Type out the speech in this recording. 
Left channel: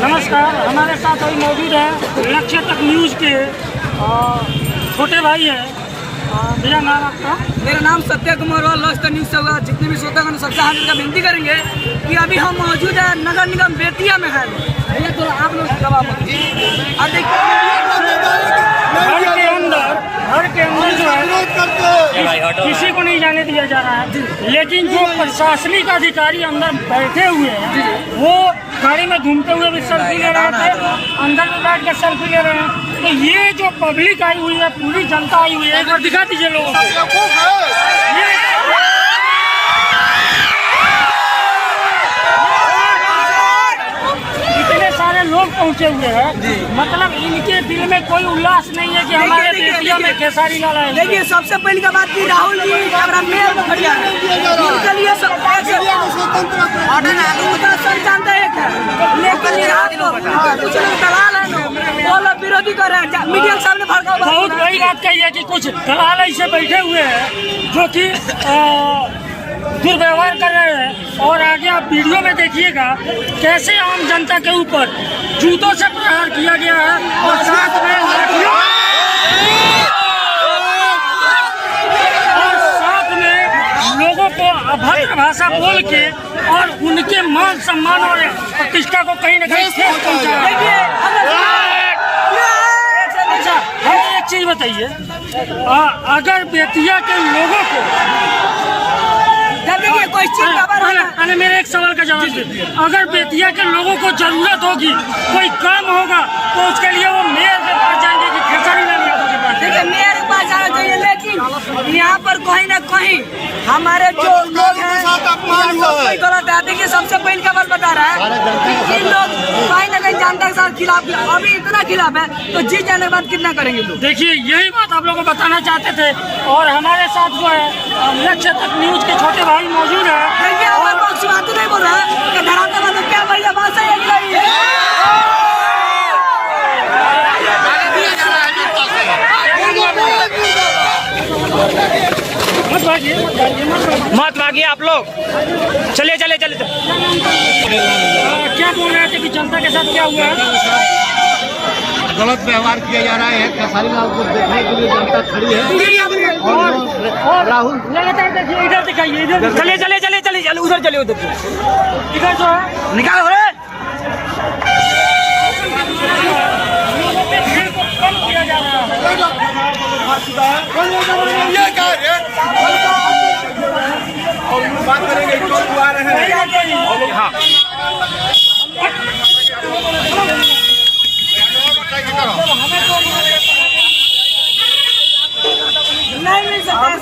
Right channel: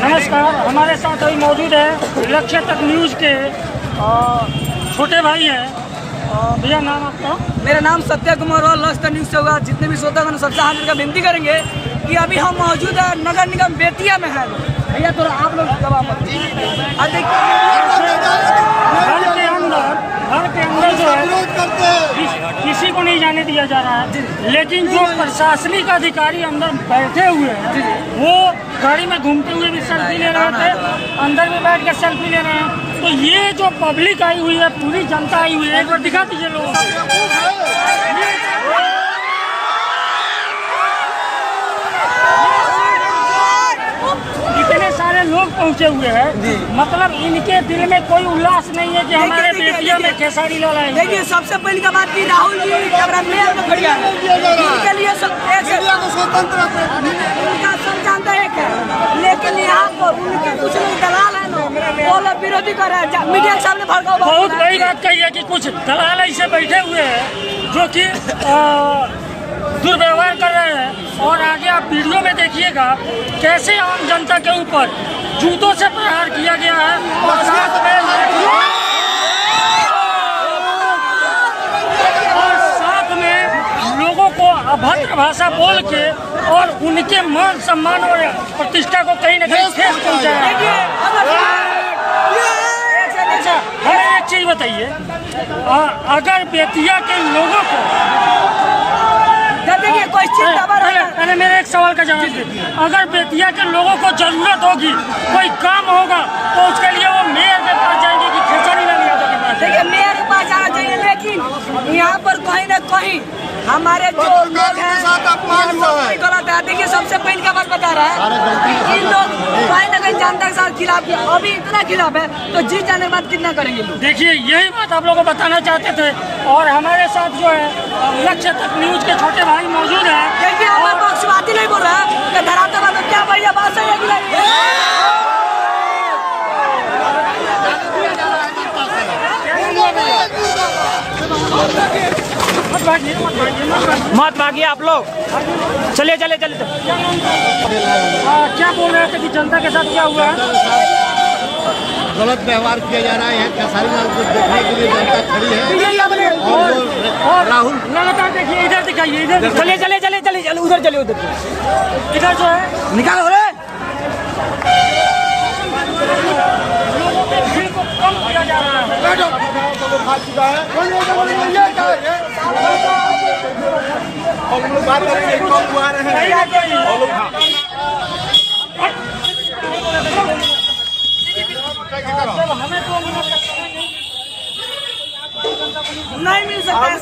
नमस्कार, हमारे साथ अभी मौजूद है लक्ष्य तक न्यूज़ के छोटे भाई है। भैया नाम आपका? मेरा नाम सत्य कुमार और लक्ष्य तक न्यूज़ से होगा। जितने भी श्रोतागण सबसे हाथ का विनती करेंगे कि अभी हम मौजूद है नगर निगम बेतिया में है। भैया थोड़ा आप लोग घर के अंदर जो है किसी को नहीं जाने दिया जा रहा है, लेकिन जो प्रशासनिक अधिकारी अंदर बैठे हुए हैं वो गाड़ी में घूमते हुए भी सेल्फी ले रहे थे, अंदर में बैठ कर सेल्फी ले रहे हैं। तो ये जो पब्लिक आई हुई है, पूरी जनता आई हुई है, वो दिखा दीजिए लोगों को। इतने सारे लोग पहुंचे हुए हैं, मतलब इनके दिल में कोई उल्लास नहीं है कि हमारे बेतिया में खेसारी लाल आए। देखिए, सबसे पहली का बात की राहुल जी स्वतंत्र एक है, लेकिन यहाँ पर कुछ लोग दलाल है, वो लोग विरोधी कर रहे हैं। मीडिया के सामने भड़काऊ बहुत बड़ी बात कही है कि कुछ दलाल ऐसे बैठे हुए हैं जो कि दुर्व्यवहार कर रहे हैं। और आगे आप वीडियो में देखिएगा कैसे आम जनता के ऊपर जूतों से प्रहार किया गया है और साथ में लोगों को अभद्र भाषा बोल के और उनके मान सम्मान और प्रतिष्ठा को कहीं न कहीं ठेस पहुंचाया। अच्छा, हमें एक चीज बताइए, अगर बेतिया के लोगों को पहले मेरे एक सवाल का जवाब दीजिए, अगर बेतिया के लोगों को जरूरत होगी, कोई काम होगा, तो उसके लिए वो मेयर के पास जाएंगे कि खेसारी लाल यादव के पास? देखिए, मेयर के पास जाना चाहिए, लेकिन यहाँ पर कहीं न कहीं हमारे जो लोग हैं, देखिए सबसे पहले का बात बता रहा है, इन लोग कहीं न कहीं जनता के साथ खिलाफ है। अभी इतना खिलाफ है तो जीत जाने के बाद कितना करेंगे लोग? देखिए, यही बात आप लोगों को बताना चाहते थे। और हमारे साथ जो है लक्ष्य तक न्यूज़ के छोटे भाई मौजूद है। और बात ही नहीं बोल रहा है कि धरातल में क्या भैया बात सही है कि नहीं? मत भागिए आप लोग, चलिए चलिए चलिए। क्या बोल रहे थे कि जनता के साथ क्या हुआ है? गलत व्यवहार किया जा रहा है। खेसारी लाल को देखने के लिए जनता खड़ी है और राहुल लगातार देखिए, इधर दिखाइए, इधर चलिए चलिए चलिए चलिए उधर चलिए, उधर इधर जो है निकालो रे। लोगों के भीड़ को कम किया जा रहा है। नहीं मिल सकता है।